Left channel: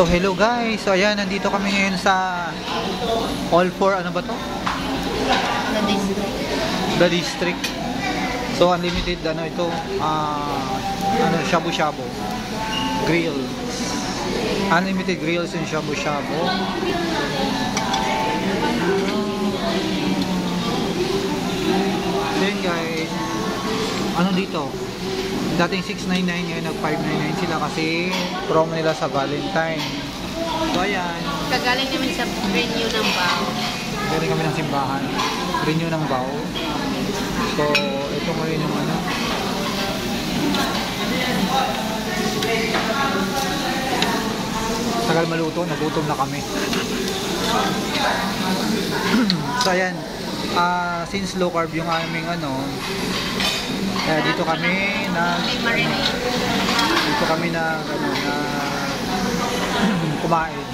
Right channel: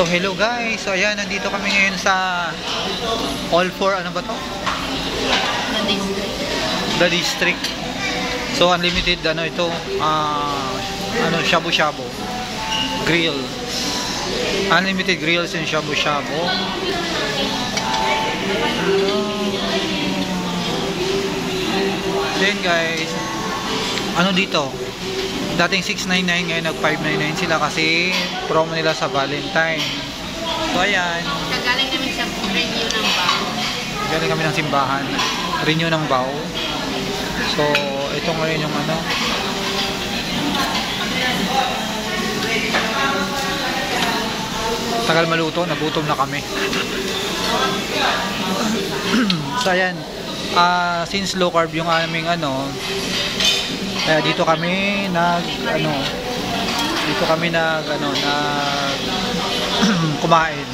So hello guys, so ayan, nandito kami ngayon sa All for, ano ba to? The District. So unlimited, ano ito, shabu-shabu grill, unlimited grills and shabu-shabu. Then guys, ano dito, dating 699 ngayon nag 599 sila kasi promo nila sa Valentine. So ayan, kagaling namin sa renew ng bao. galing kami ng simbahan, renew ng bao. So ito ngayon yung ano, tagal maluto, nagutom na kami. So ayan, since low carb yung aming ano, kaya dito kami nag kumain.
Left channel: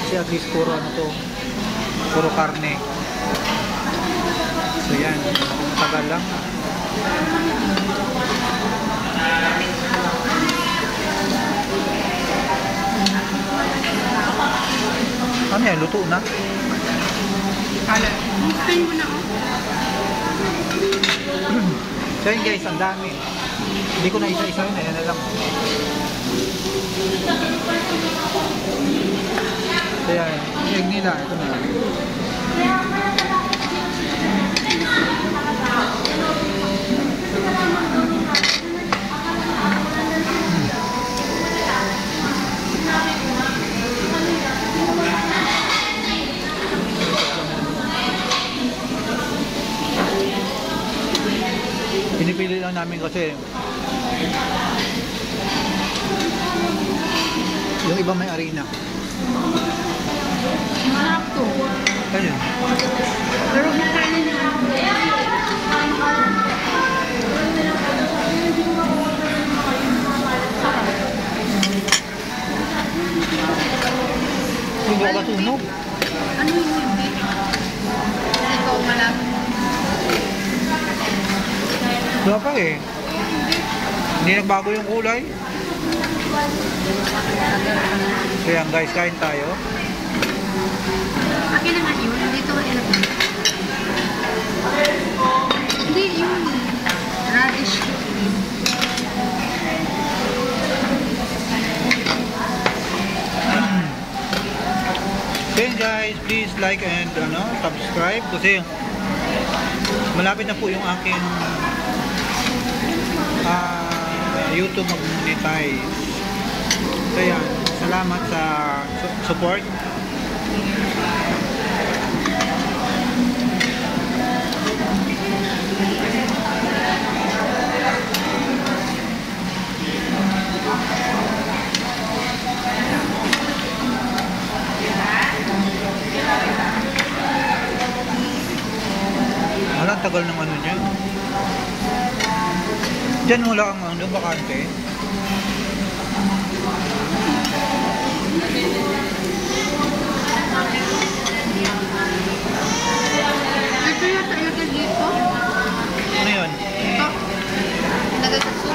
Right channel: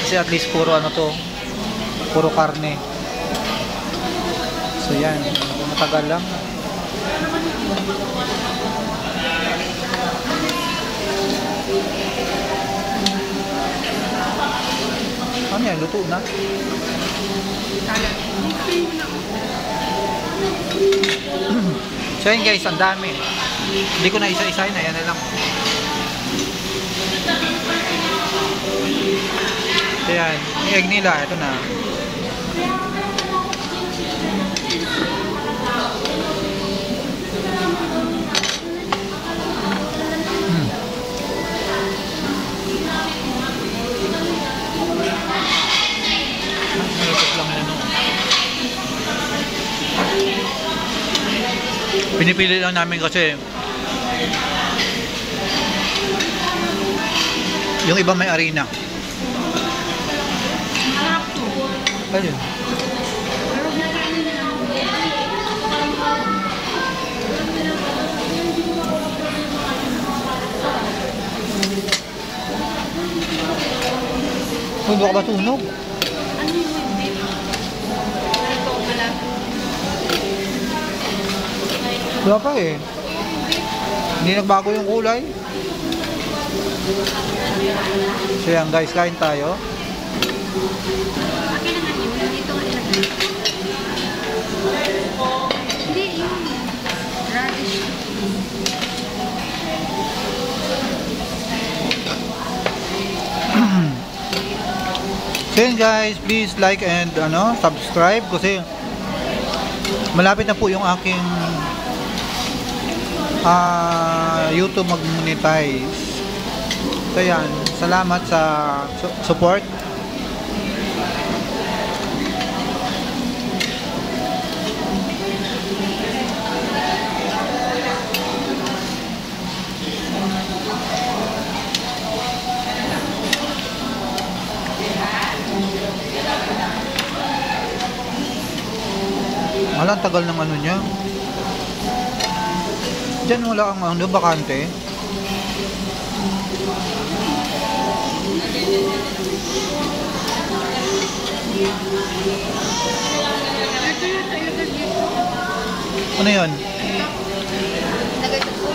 Kasi at least puro ano to, puro karne. So yan, matagal lang. Ano yan, luto na? So yun guys, ang dami. Hindi ko na isa-isahin, ayan na lang. So yan, yung egg nila, ito na. Pinipili lang namin kasi yung iba may arena. Sarap to. Ayun. Pero nakain na. Uy, baka ba tunog? Ano yung ito malang? Wala pa eh. Hindi nagbago yung kulay. So yan guys, kain tayo. Akin naman yun. Dito ko nilagay. Hindi yun. Radish. So yan guys, please like and subscribe kasi malapit na po yung aking YouTube mag-monetize. So yan, salamat sa support. Wala, tagal ng ano niya. Diyan wala ang ano, bakante. Ito yung tayo dito. Ano yun? Ito. Nagay sa soup.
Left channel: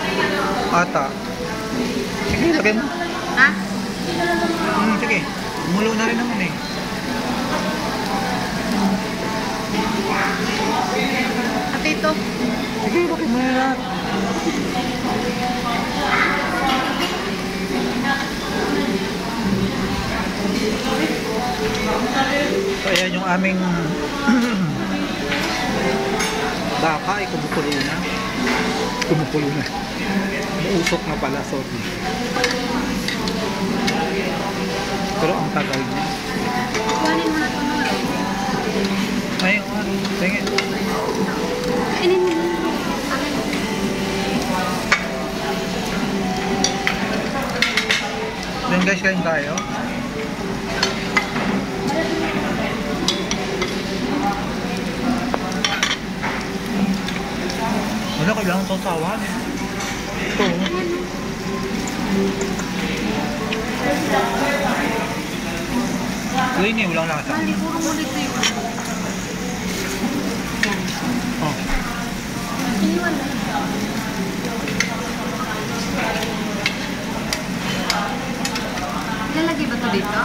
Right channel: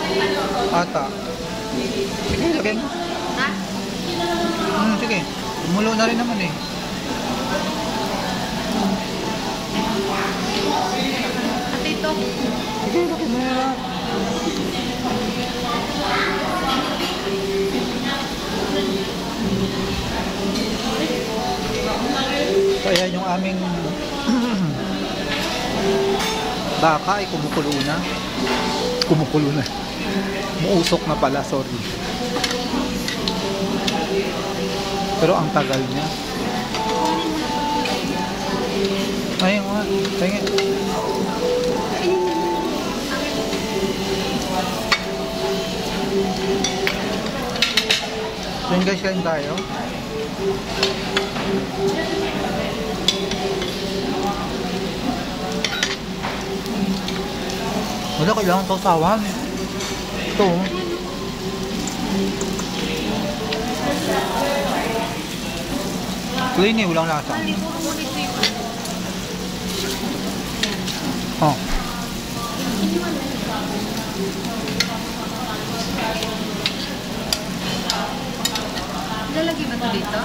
Ata. Sige, lagay mo. Ha? Sige. Mulo na rin naman eh. At ito. Sige, lagay mo na lahat. So ayan yung aming baka ay kumukulo na. Kumukulo na. Muusok na pala, sorry. Pero ang tagal niya. Ayun nga, tingin. Then guys, kain tayo. Wala, kailangan itong tawag. Ito. Clean eh, walang lasa. Mali, puro mo dito yung ano. Oh. Iniwan lang. Lalagay ba ito dito?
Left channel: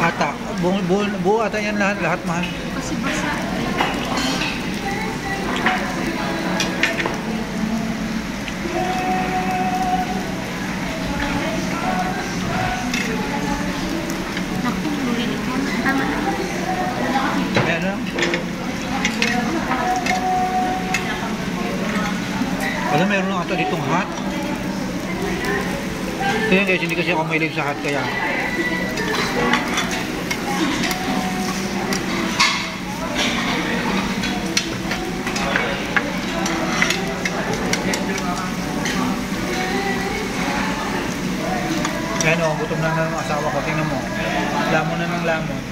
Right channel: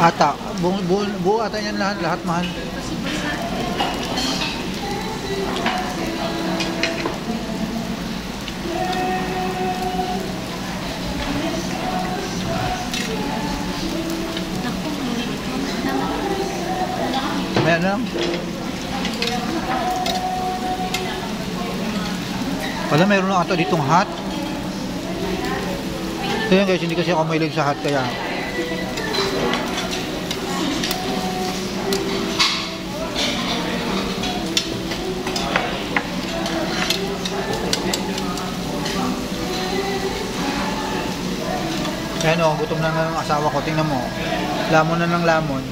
Ata. Buo ata yan lahat mahal. Kasi basa. Naku, bumili ka. Tama. Ayan lang. Wala, mayroon lang ata ditong hot. So yan guys, hindi kasi ako mahilig sa hot kaya. Ayan o, gutom na ng asawa ko. Tingnan mo. Lamon na ng lamon.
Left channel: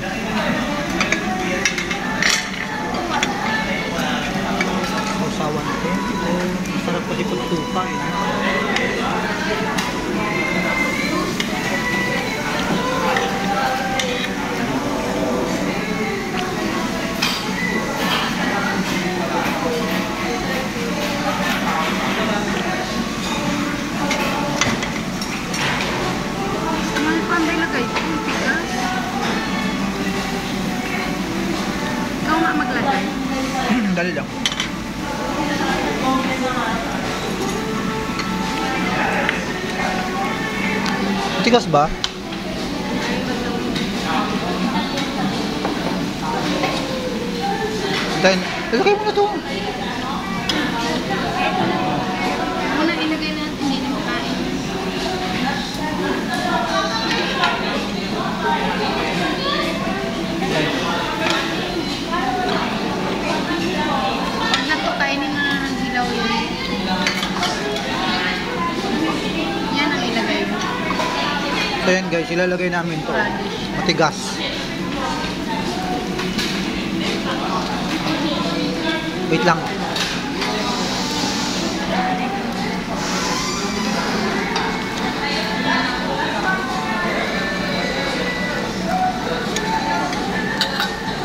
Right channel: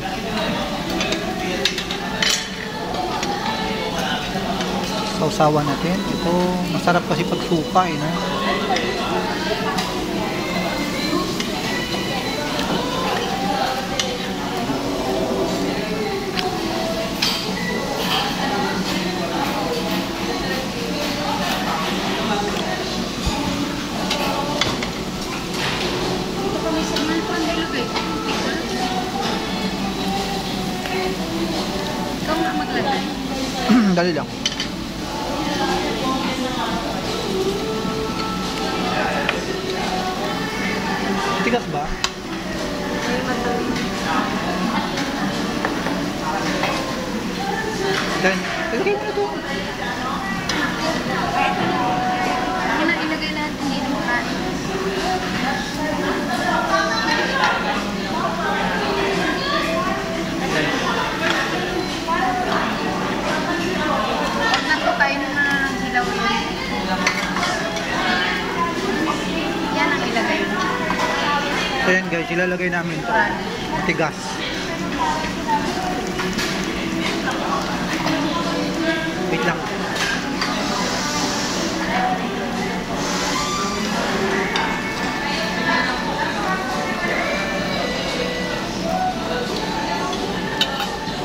Sausawan natin. Ito, masarap kasi pag supa eh. No? May panday lagay. Tigas. Ikaw nga maglagay. Dali lang. Tigas ba? Ay, mataw. Then, ilagay mo na to. Muna ilagay lahat, hindi na makain. Huwag na ito kainin na hilaw yan. Yan ang ilagay mo. So yan guys, ilalagay namin to. Matigas. Wait lang.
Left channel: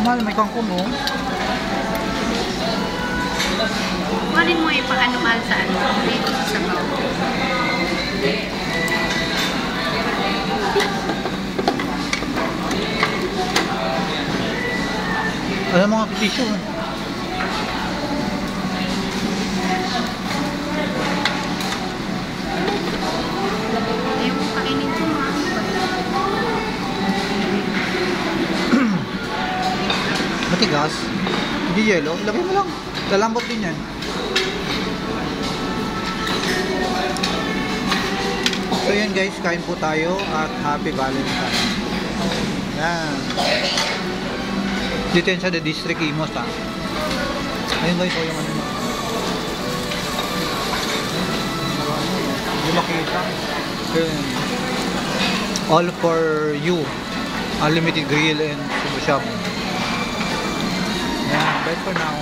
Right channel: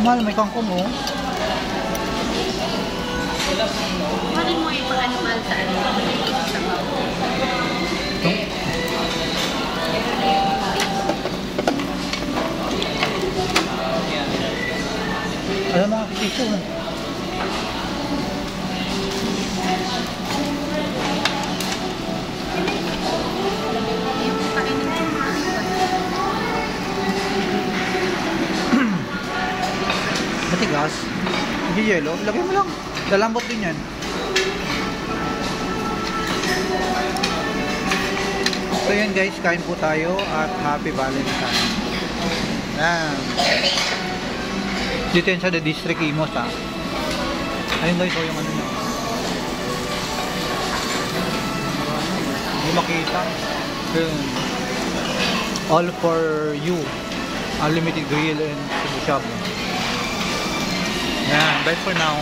Mahal, may kangkong oh. Kumanin mo ipakanumal sa ano. Alam mga piso. Yung kainin mo. Matigas. Hindi yelo. Ilagay mo lang. Lalambot din yan. So yan guys, kain po tayo at happy Valentine. Yan. Dito yan sa The District Imos ha. Ayun guys, yung ano nyo. Hindi makita. Ayun. All for you. Unlimited grill and shabu shabu. Yan. Bye for now.